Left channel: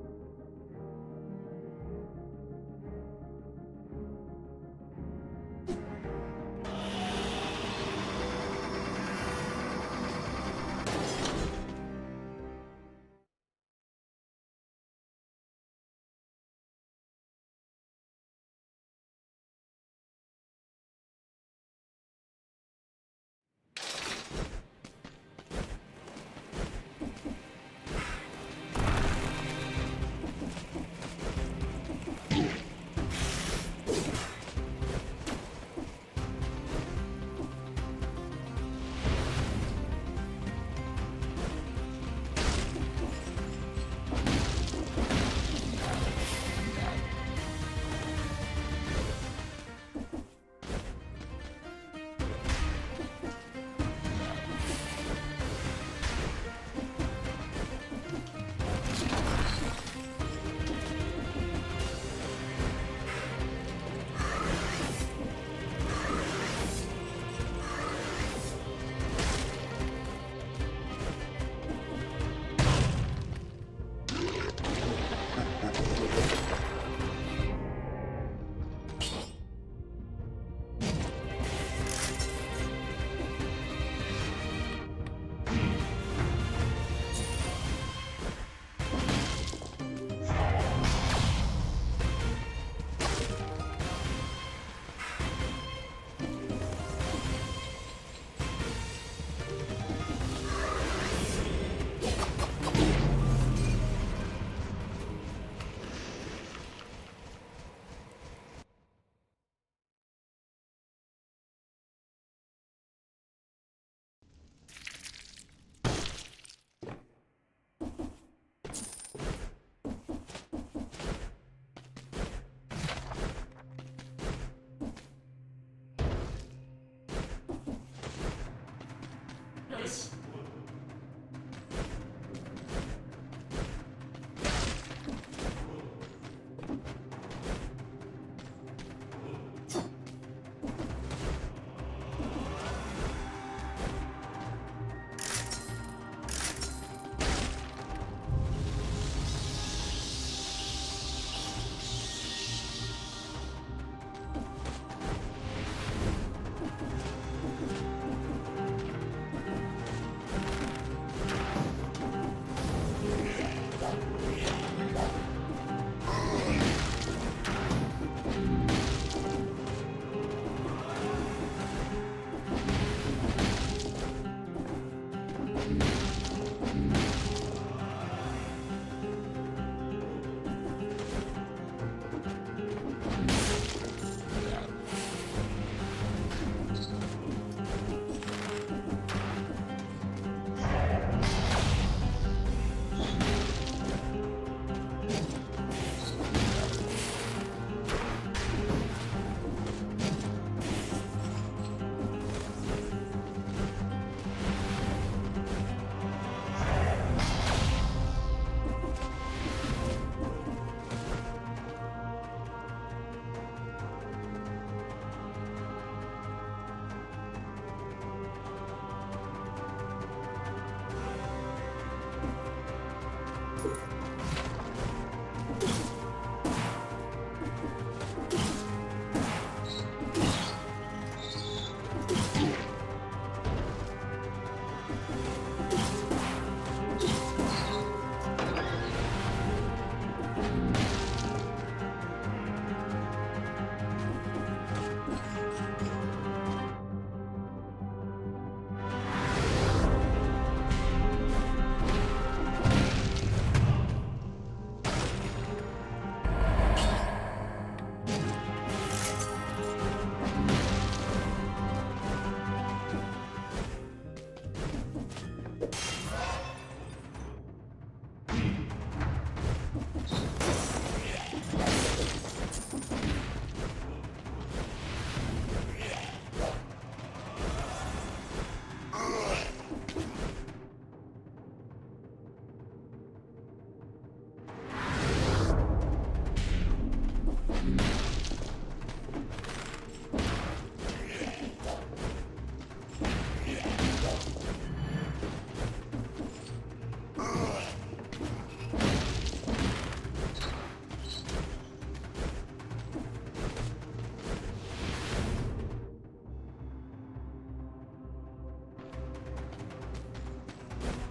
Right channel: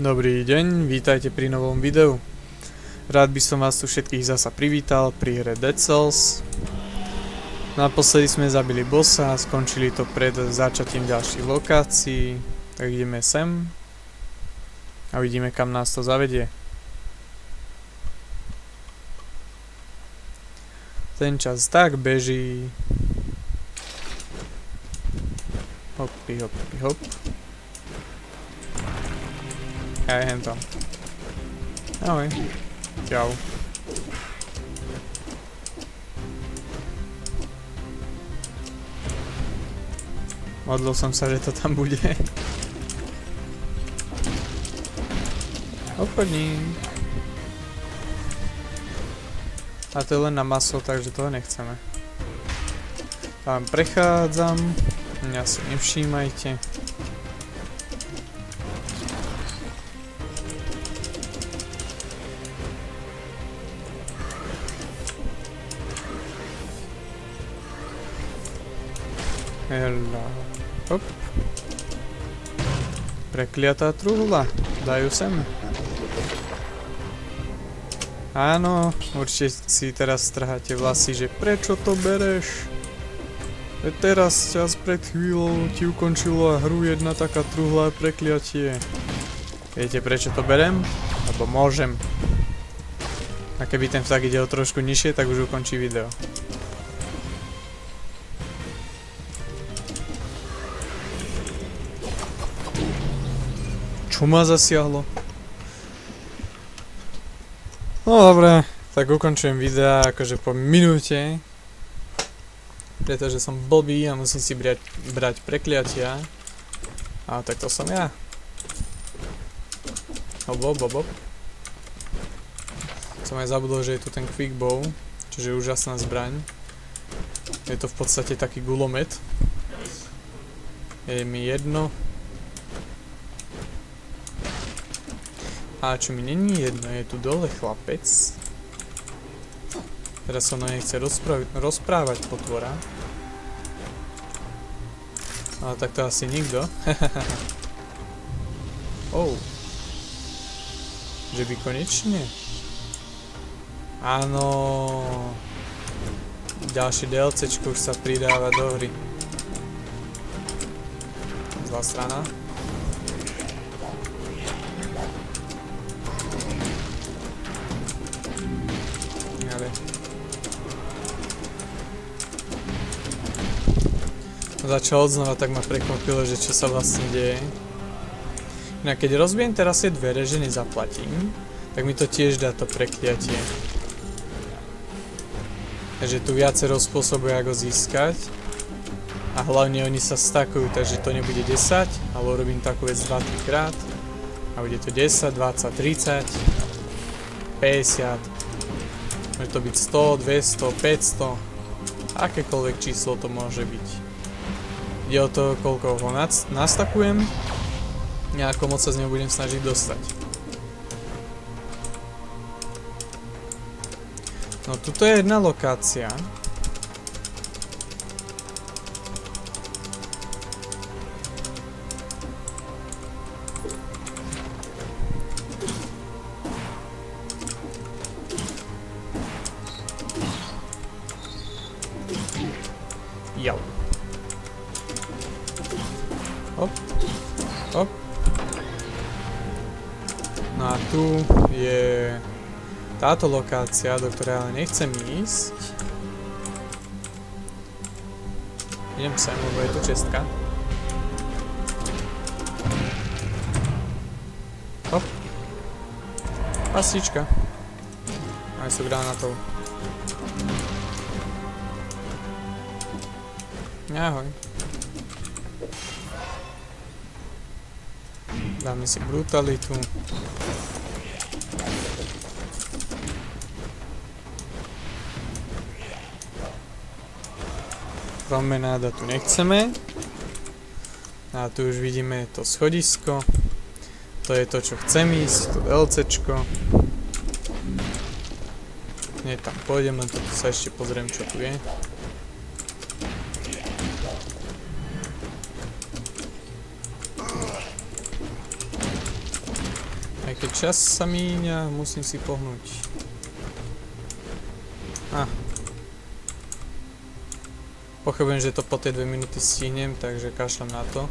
Dobrý deň, vítajte pri novom videu. Rád by som vás tu všetkých zasa privítal pri hre Dead Cells. Naposledy sme zabili bossa, skončili to pred začatím ďalších lokácií. Tak ideme sem a vidíme, kam nás to zavedie. Ten čas tak beží. Hopy, hopy, hop. Aj hento. Ahoj. Čau. Modlil som sa, že to tam bude. Obchodník. A to je len na maso, takže toho nechceme. Tam prechádzam. Mňa si nevšímajte. Hop. Prekliatá truhla. Dajú sem. Áno, určite si teraz strháte vlasy, že prečo to bereš? Teraz čas pred chvíľou ti ukončilo hru jedna taká truhla a prekliatie. Viete prečo to berem? Lebo môžem. A keby ten vták ide o trošku nižšie, tak už ukončí video. Čo ma zasiahlo? No dobre, tak ukončujem videa akože po minúte. Pretože som blbý a musím si brať prekliatia. A tak to som ja. Hop. Som aj zabudol, že je tu ten quick bow, čiže je úžasná zbraň. Je to v podstate taký gulomet. Je mi jedno. A čo mi není jedno, je tu dole chlapec. Teraz sa mnou nechce rozprávať potvora. Ale tak to asi nikto. Oh. Že by konečne? Áno. Ďalšie DLCčko už sa pridáva do hry. Zlá strana. Začal odznova, tak ma prekvapilo, že čo sa vlastne deje. Inak keď rozbijem teraz tie dvere, že nezaplatím, tak mi to tiež dá to prekliatie. Takže tu viacero spôsobov, ako získať. A hlavne oni sa stakujú, takže to nebude 10, ale urobím takú vec 20 krát. A bude to 10, 20, 30, 50. Môže to byť 100, 200, 500. Akékoľvek číslo to môže byť. Je o to, koľko ho nastakujem, nejako moc sa z neho budem snažiť dostať. No tuto je jedna lokácia. Jo. Hop. No a tu je táto lokácia, do ktorej ale nechcem ísť. Idem sem, lebo je to čestka. Hop. Pasíčka. Aj sú granátov. Ahoj. Dáme si brutalitu. Promenáda tu nechceme. A tu už vidíme to schodisko. To je to, čo chcem ísť, to LCčko. Nie, tam pôjdem, len tu sa ešte pozriem, čo tu je. čas sa míňa, musím si pohnúť. Pochybujem, že to po tej 2 minúty stihnem, takže kašlem na to.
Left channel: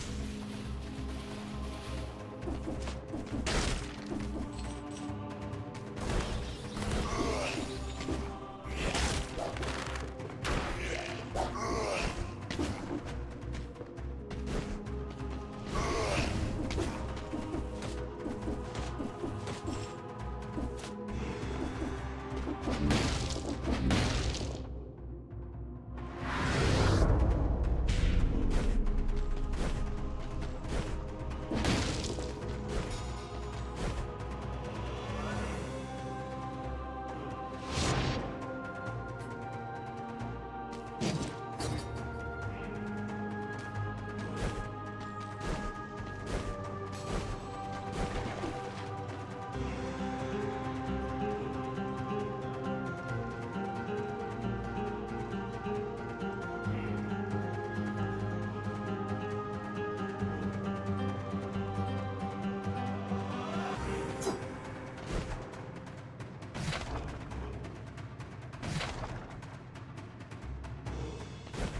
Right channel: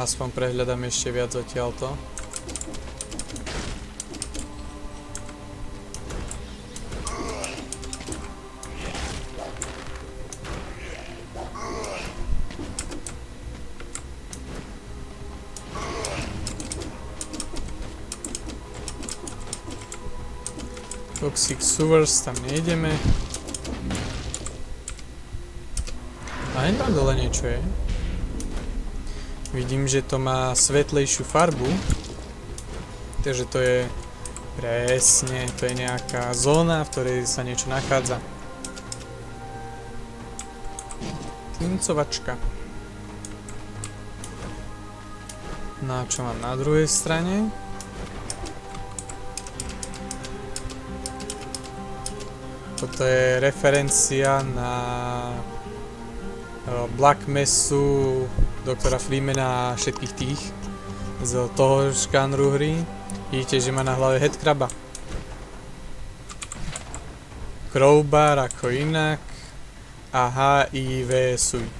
Aspoň prehľadám ešte viac odtiaľto. Toxic Sewers, tam nejdeme. A jen tam dole niečo je. Vidím, že to má svetlejšiu farbu. Takže to je presne, to je nejaká zóna, v ktorej sa niečo nachádza. Tlincovačka. No a čo mám na druhej strane? Toto je referencia na Black Messu doktora Freemana a všetkých tých z toho žánru hry. Vidíte, že má na hlave headcraba. Crowbar ako inak a HIV suit.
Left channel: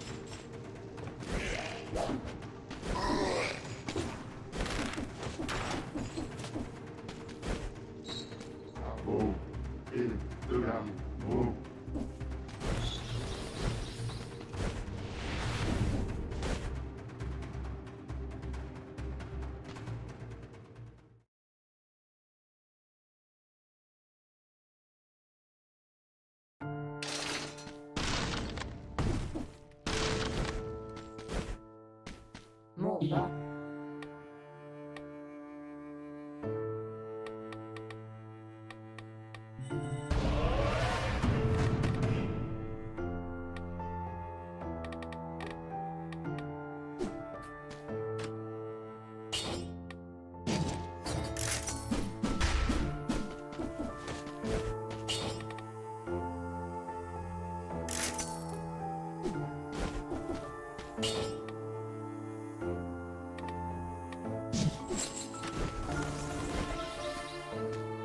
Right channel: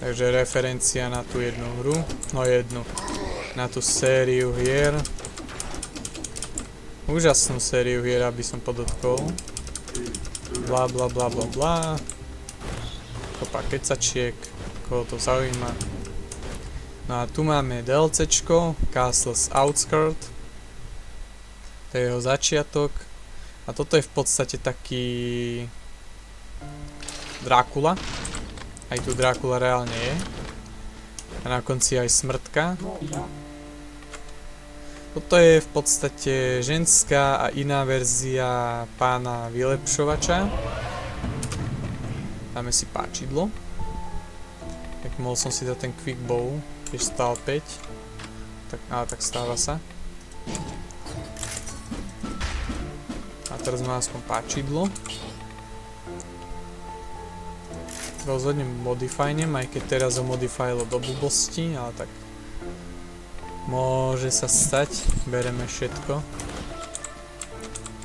Takže referencia na tú jednu hru, no jednu, na tú sériu hier. Úžasnú sériu hier, aby som podotkol. Bla bla bla bla bla. Kopa kecačiek, koho to zaujíma. No a tu máme DLCčko, Castle's Outskirt. To je jeho začiatok. A toto je v podstate taký Drákula. Aj tu Drákula reálne je. A na konci aj smrtka. Toto je v podstate ženská a iná verzia pána vylepšovača. Dáme si páčidlo. Tak mohol som si dať ten quick bow, keď stál 5. Tak, ale tak stáva sa. A teraz má aspoň páčidlo. Rozhodne modifajnem, aj keď teraz ho modifajlo do blbosti, ale tak môže sa stať, bereme všetko.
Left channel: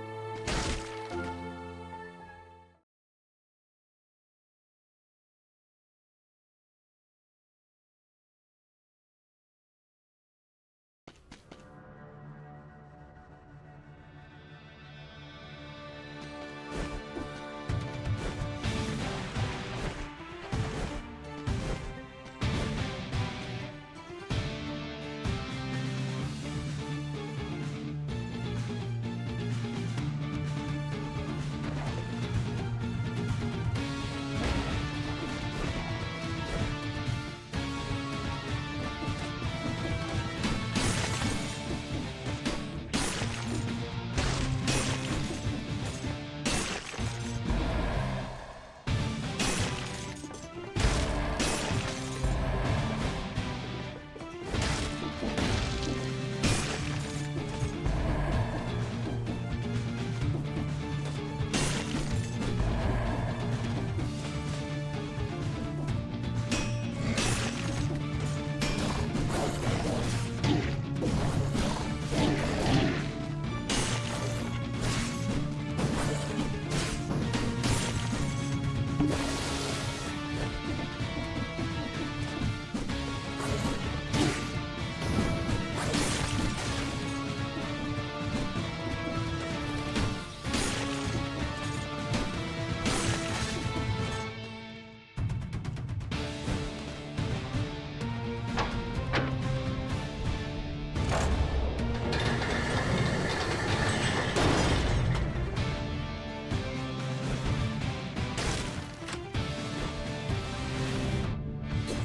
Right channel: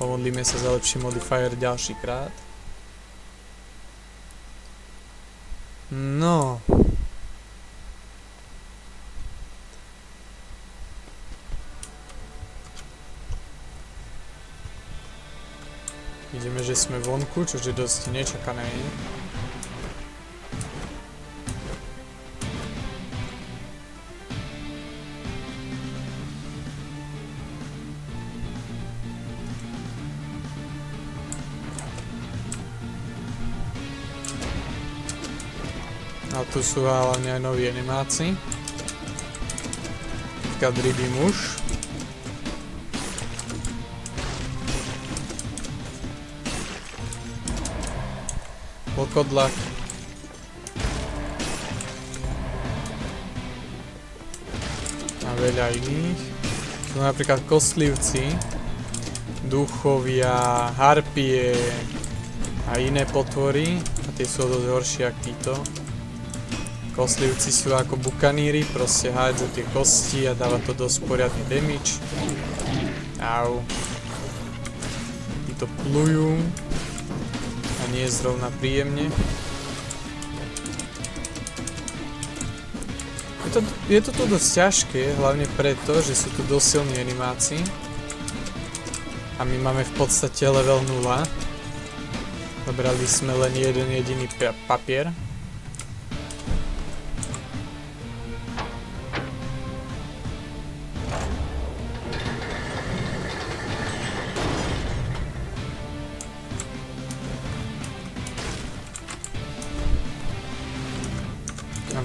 Pomodlíme sa za lepší modifier ďalší krát. No. Vidíme, že sme vonku, čo je dosť nečakané. Tu sú hlavne aj noví animáci. Taká druhý muž. Pokodla. A veľa iných. No napríklad kostlivci, duchovia, harpie a iné potvory. A tie sú dosť horšie ako títo. Kostlivci sú ako bukaníri, proste hádzajú tie kosti a dáva to dosť poriadny damage. Au. Títo plujú a nie je zrovna príjemne. Je to dosť ťažké, hlavne preto, že sú tu dosť silní animáci. A my máme v podstate level 0. Dobrali sme len jeden jediný papier.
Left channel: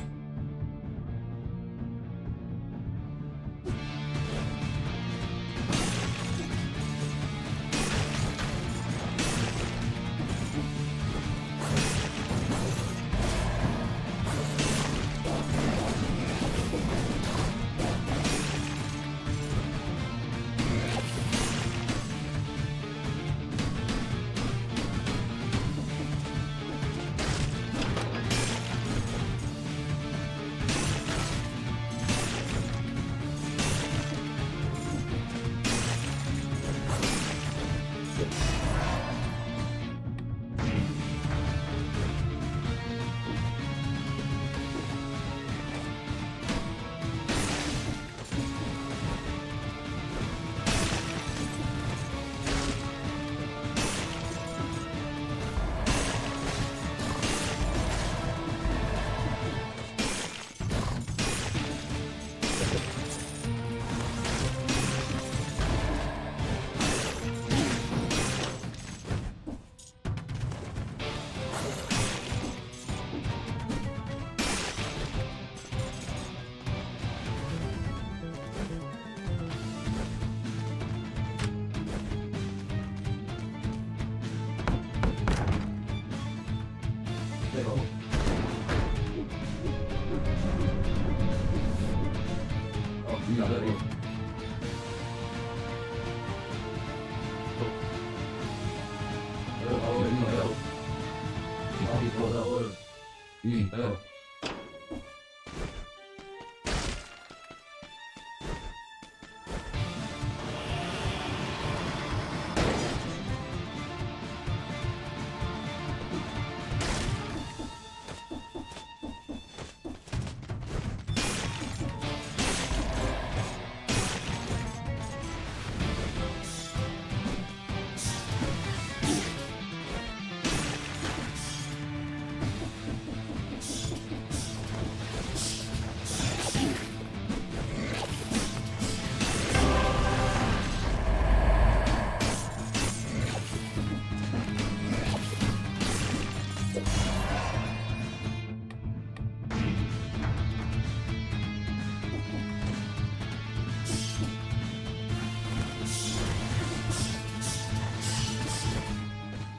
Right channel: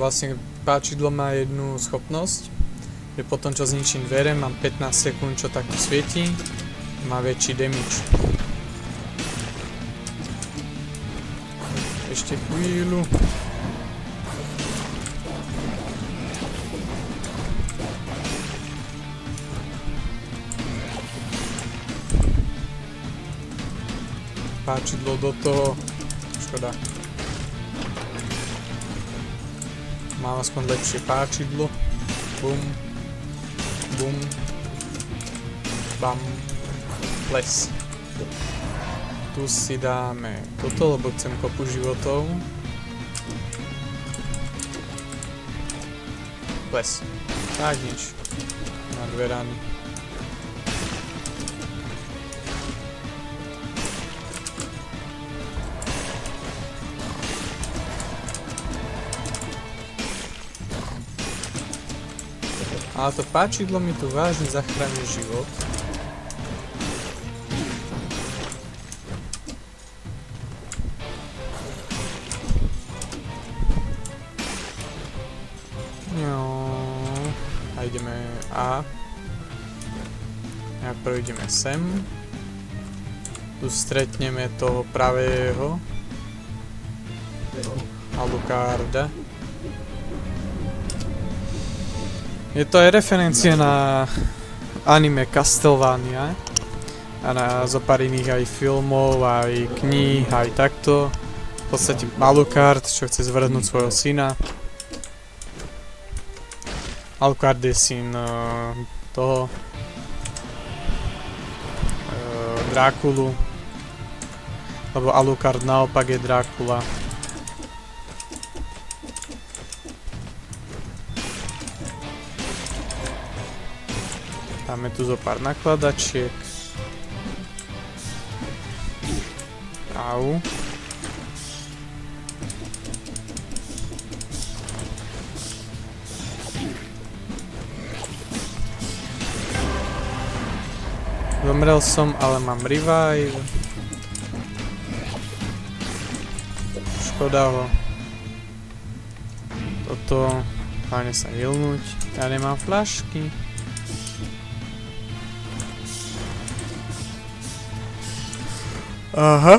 Vlastne páčidlo má jednu schopnosť, že potom čo zničím dvere, mám 15 sekúnd, čo takto svietí, má väčší damage. Ešte chvíľu. páčidlo do toho. Škoda. Mám aspoň lepšie páčidlo. Bum. Bum. Bam. Les. Tu si dáme toto, lebo chcem kopu životov. Les. Tak nič. Mám dve rány. Ale to páčidlo mi tu vážne zachráni život. No. A ideme A. Najprv ideme sem. Tu stretneme toho pravého. Alucarda. Je to aj referencia na anime Castlevania a na zopár iných aj filmov, aj kníh, aj takto. V podstate Alucard, čo chce zvrhnúť svojho syna. Alucard je syn toho Drákulu, lebo Alucard naopak je Drákula. Máme tu zo pár nakladačiek. Au. Zomrel som, ale mám revive. Škoda ho. Toto hlavne sa hilnúť. Ja nemám fľašky. Aha.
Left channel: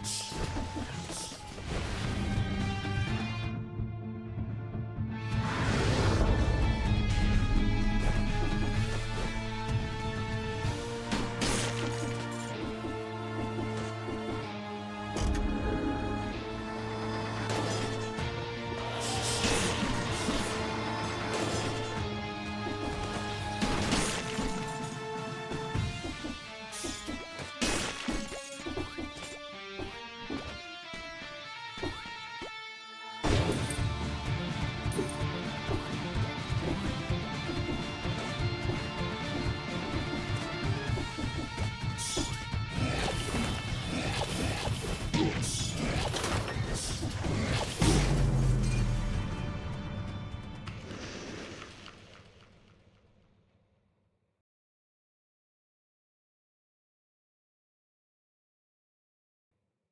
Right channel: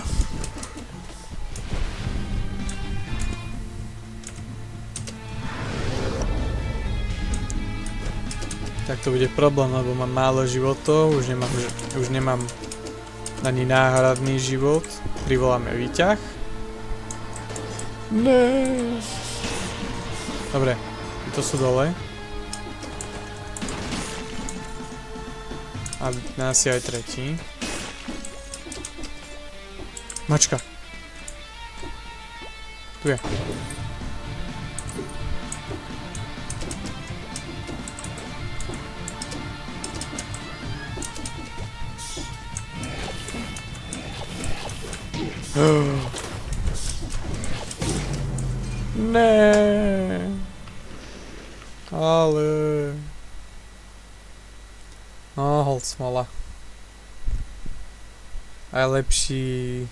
Tak to bude problém, lebo mám málo životov, už nemám ani náhradný život. Privoláme výťah. Ne. Dobre, to sú dole. A nás je aj tretí. Mačka. Tu je. Ne. Ale. Hold smola. Aj lepší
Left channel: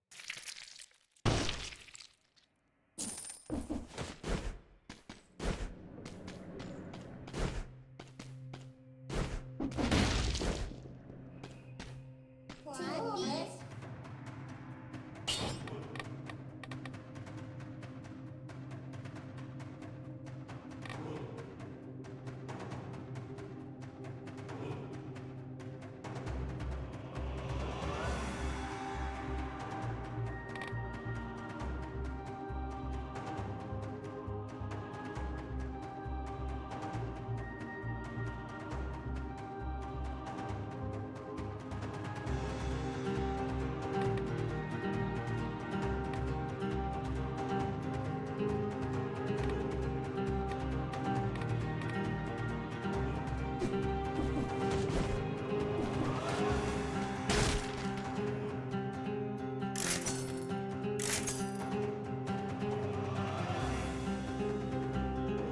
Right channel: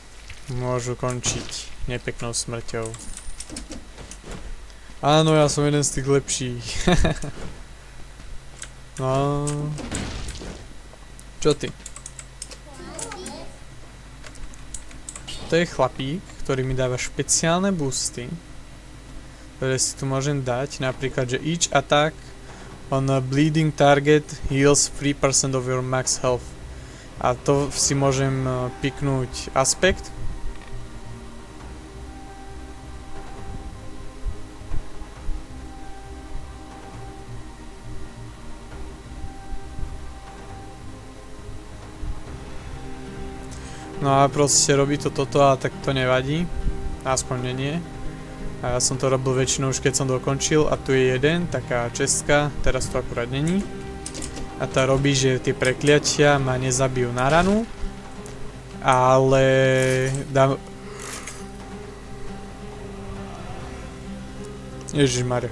môžu končiť nepeknou smrťou. Áno, ja som jeden z tých lepších. No. Čo ty? To je chlapík, ktorý mi dáva špeciálne boosty, ktoré si tu môžem dať, napríklad, že each attack on a bleeding target heals 3% of your max health. A to si môžem piknúť aspekt. No a proste robí to toto a tak to nevadí. Aspoň nie. A ja som to robil väčšinou už keď som dokončil a tu je jeden, taká čestka, teraz to akurát není. A tá robí, že tie prekliatia ma nezabijú na ranu, ale dá... Ježišmarja.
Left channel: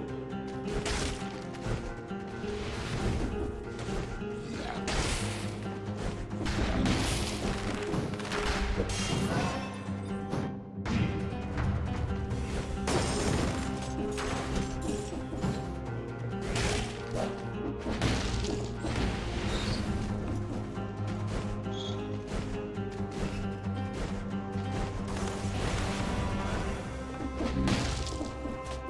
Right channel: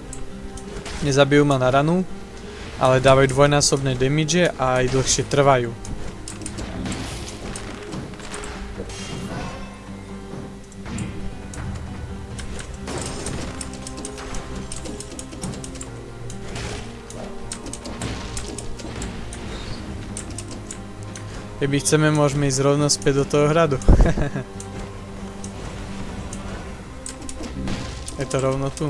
Nezabijú ma na ranu, ale dávajú dvojnásobné damage a aj dlhšie trvajú. Keby chceme, môžeme ísť rovno späť do toho hradu. Je to rovno tu.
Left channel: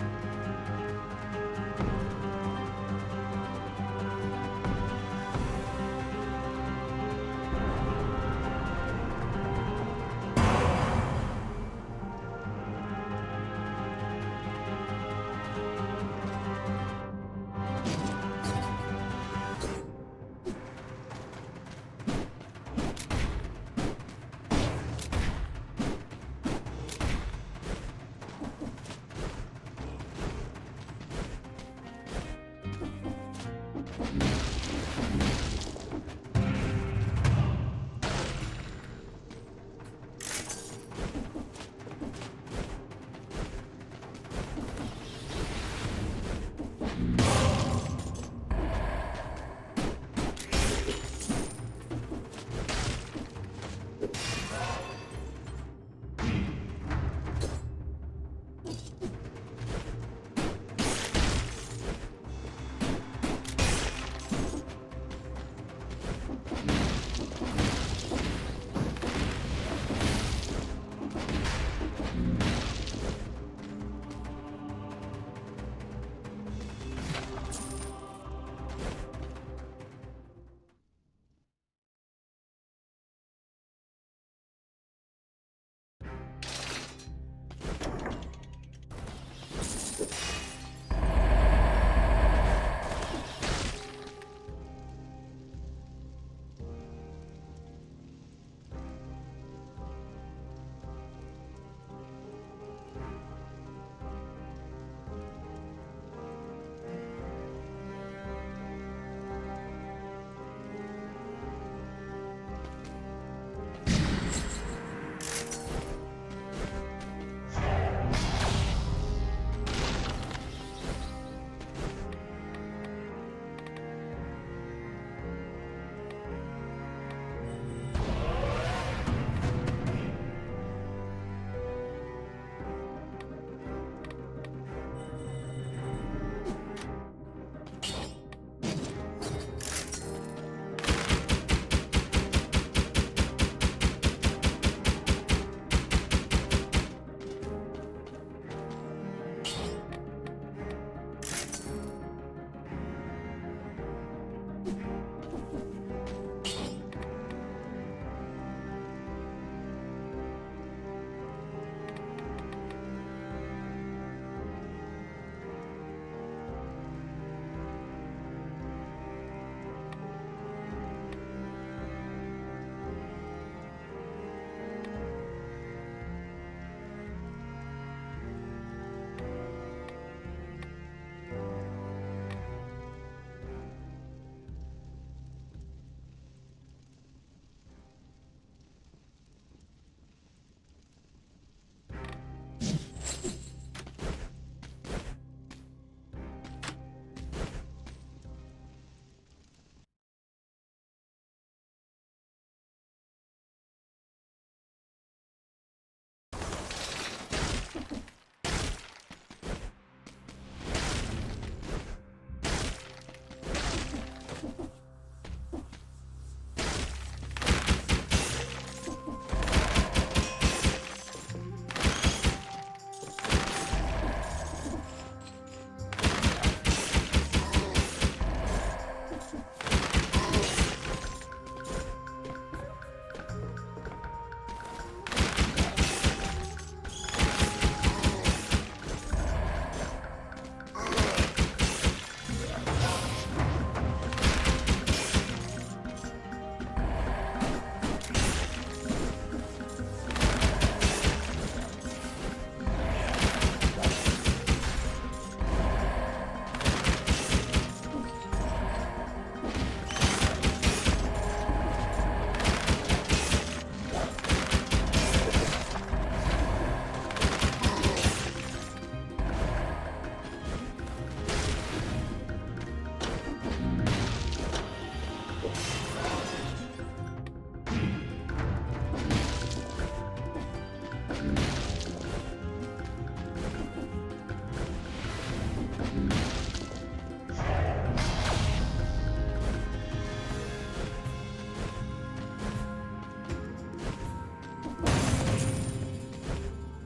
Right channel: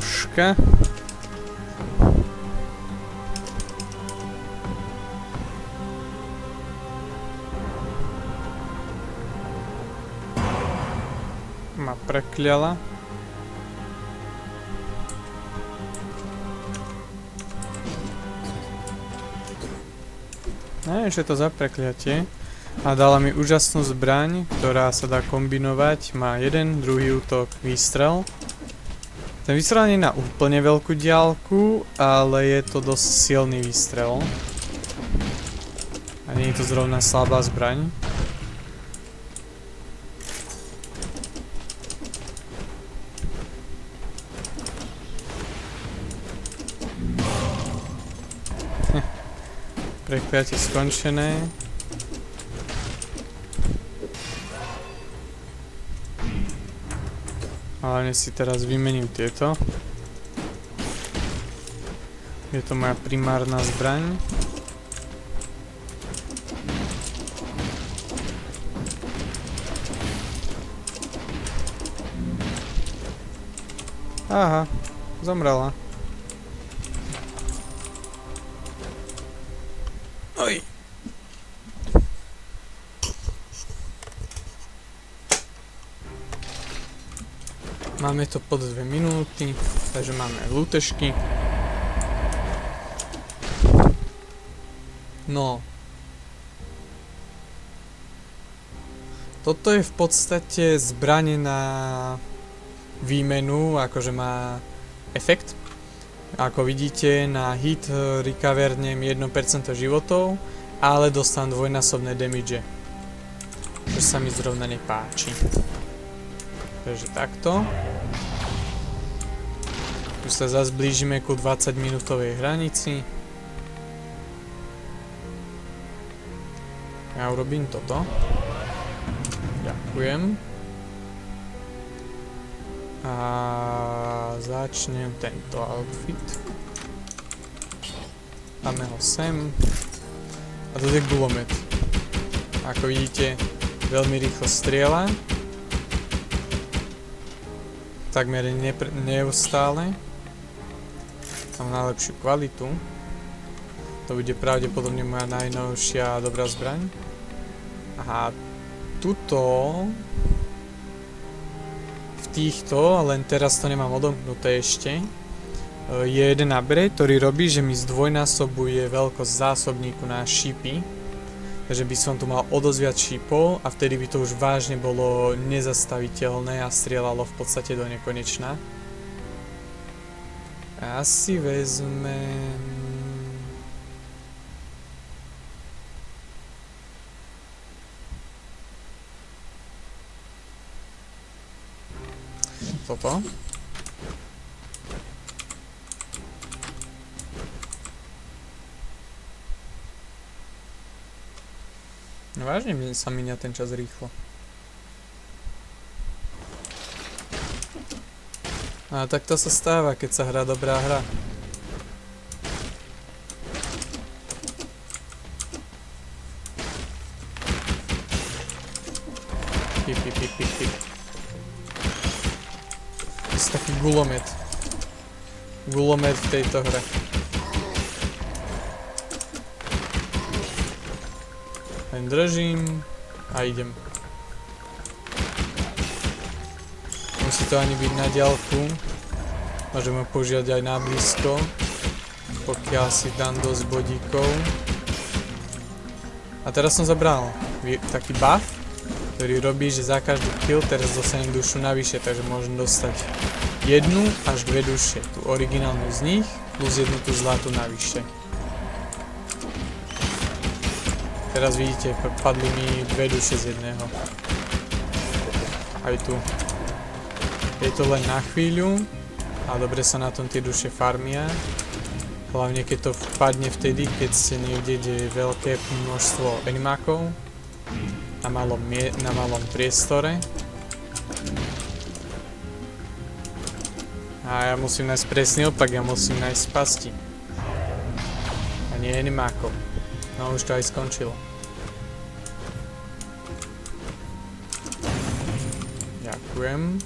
troška. Ma prekľala. Neviem, čo je to za prekliatie. A dala mi úžasnú zbraň, ktorá sa dá kombinovať. Má jeden, druhý útok, výstrel. Ten výstrel nie je na úplne veľkú diaľku, ale je to dosť silný výstrel. A nie je to zrovna slabá zbraň. Prekliatie skončené. Hlavne si teraz vymením tieto. Je to moja primárna zbraň. Aha, zomrela. Oj. Máme to pod 2 minúty, takže máme lútešky. No. Toto je v podstate zbraň na výmenu, akože má efekt. Ako vidíte, na hit recovernem 1% životov, ale dostanú dvojnásobné damage. Čo sa mi zrovna nepáči. Takže takto. Tu sa zase blížime ku 20 minútovej hranici. Ja urobím toto. Ďakujem. A začnem tento outfit. Dáme ho sem. A tu je gulomet. Ako vidíte, veľmi rýchlo strieľa. Takmer neustále. Mám najlepšiu kvalitu. To bude pravdepodobne moja najnovšia dobrá zbraň. A tuto v týchto, len teraz to nemám odomknuté ešte, je jeden upgrade, ktorý robí, že mi zdvojnásobuje veľkosť zásobníku na šípy. Takže by som tu mal o dosť viac šípov a vtedy by to už vážne bolo nezastaviteľné a strieľalo v podstate do nekonečna. Asi vezmem... toto. Vážne sa míňa ten čas rýchlo. A tak to sa stáva, keď sa hrá dobrá hra. To je taký gulomet. Gulomet v tejto hre. Držím a idem. Musí to ani byť na diaľku. Môžeme používať aj na blízko, pokiaľ si dám dosť bodíkov. A teraz som zabral taký buff, ktorý robí, že za každý kill teraz dostanem dušu navyše, takže môžem dostať 1 až 2 duše. Tu originálnu z nich plus 1 tú zlatú navyše. Teraz vidíte, padli mi 2 duše z jedného. Aj tu. Je to len na chvíľu, a dobre sa na tom tie duše farmia. Hlavne keď to padne vtedy, keď ste niekde, kde je veľké množstvo animákov na malom priestore. A ja musím nájsť presný opak, ja musím nájsť pasti. A nie animákov. No už to aj skončilo. Ďakujem.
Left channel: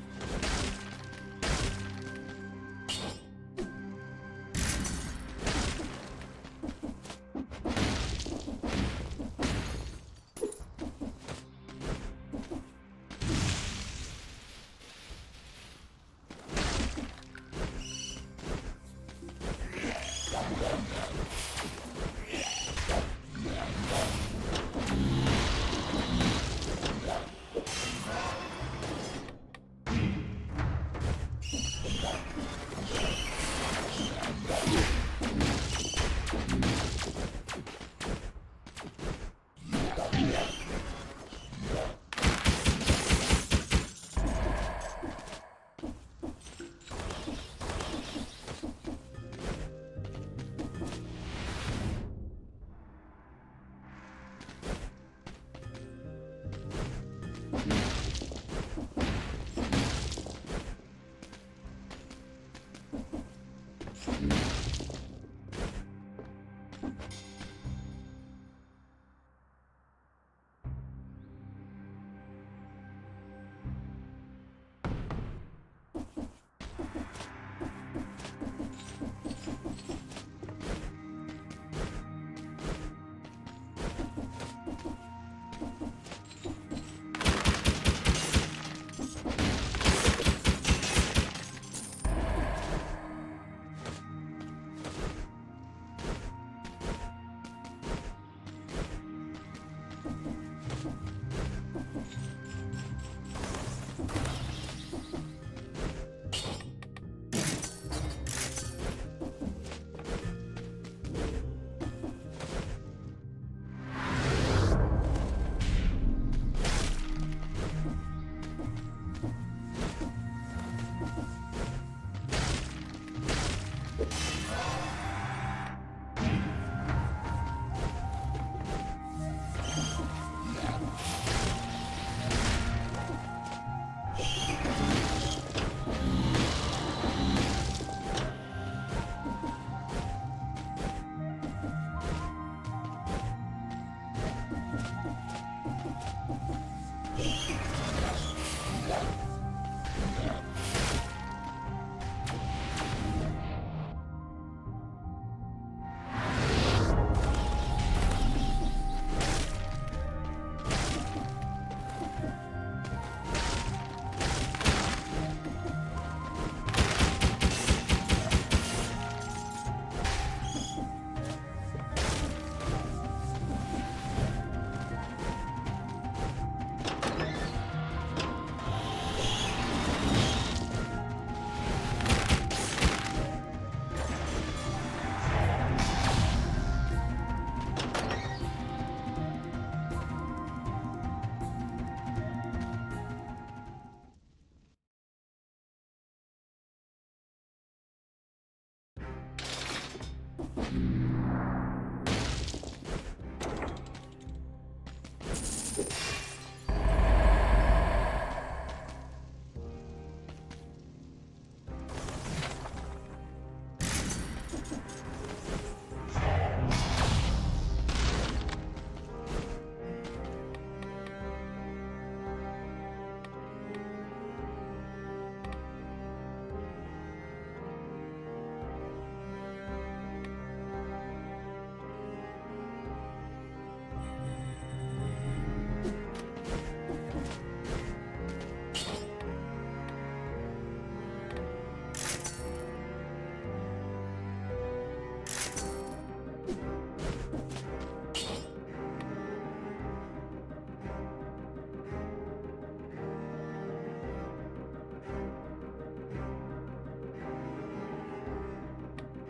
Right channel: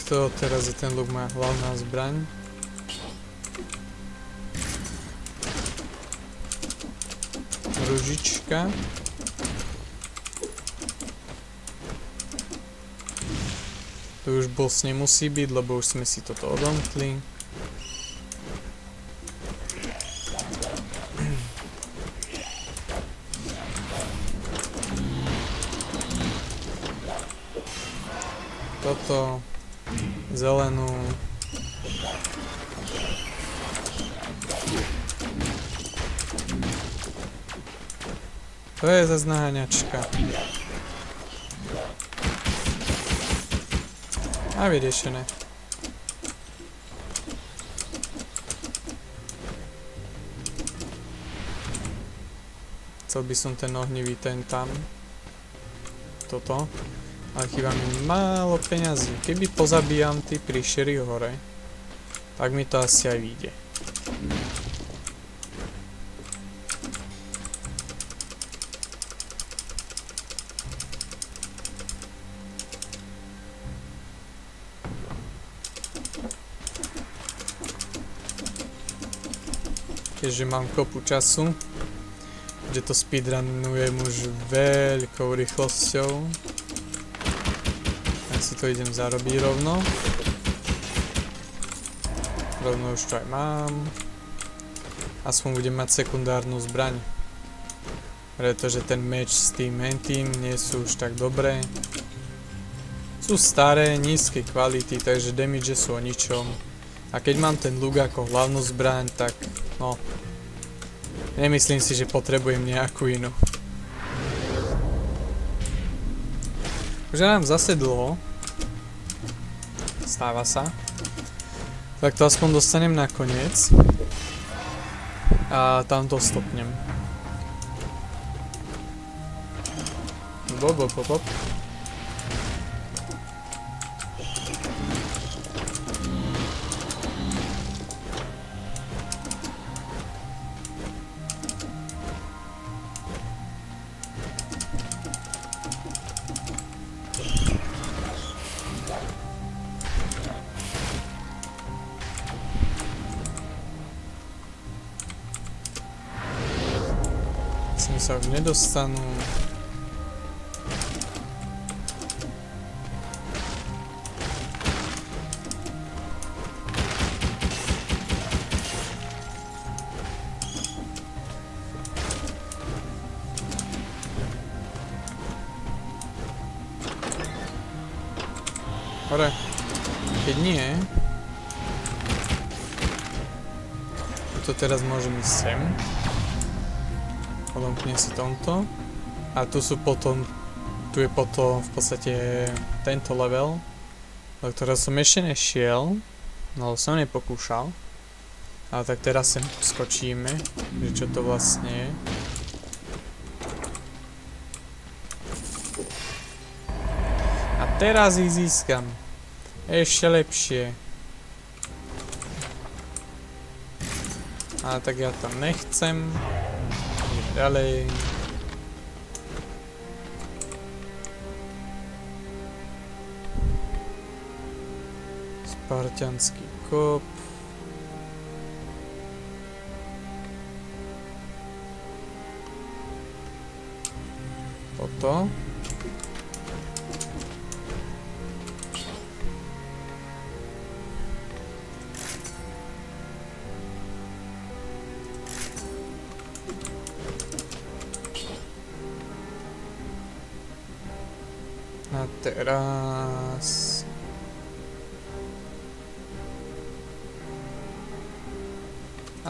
takto, teraz je ten luk moja hlavná zbraň. Ružička. Tu už boss nemusí byť, lebo už sme si toto odomkli. Toto, zelenú. To je zase naháňačka. A vyriešené. Chcel by som ten ohnivý ten tam. Toto. Ale chýba mi málo peňazí. Keby pozabíjam tí príšery hore, tak mi to asi aj vyjde. Keďže mám kopu času, že to speedrunujem už veľkou rýchlosťou, tak si to idem zarobiť rovno. Rovno už to aj mám. Aspoň budem mať sekundárnu zbraň. Pretože ten meč s tým hentým nie sú už tak dobré. Sú staré, nízkej kvality, takže damage sú o ničom. A keď mám ten luk ako hlavnú zbraň, tak no, nemyslím si, že potrebujem nejakú inú. Už nám zase dlho. Stáva sa. Tak to aspoň dostanem na koniec. A tam to stopnem. Bop. Sa už nedostanú. Dobre, keď nie, to teraz môžem ísť sem. Odomknem si tomto. A tu sú potom, tu je potom v podstate tento level, do ktorého som ešte nešiel, no som nepokúšal. Ale tak teraz sem skočíme, že čo to vlastne je. A teraz ich získam. Ešte lepšie. A tak ja tam nechcem. Ďalej. Spartianský kop. Toto. A teraz...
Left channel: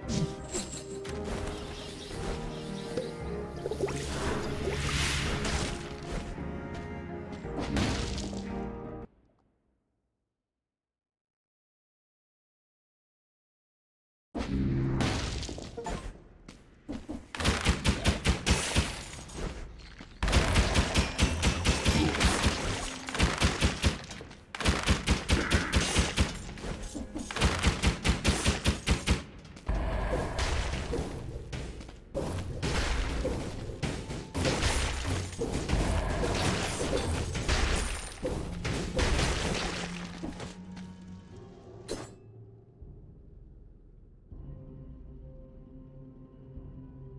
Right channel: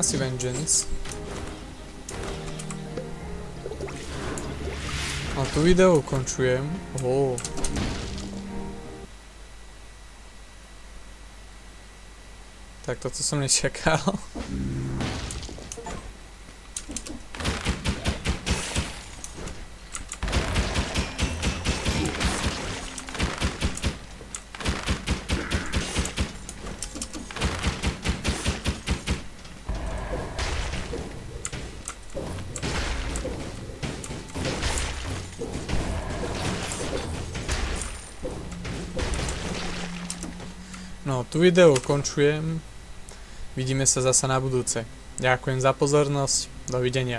asi Vengeance. A tu video ukončujem. Tak toto som nečakal. No, tu video ukončujem. Vidíme sa zasa na budúce. Ďakujem za pozornosť. Dovidenia.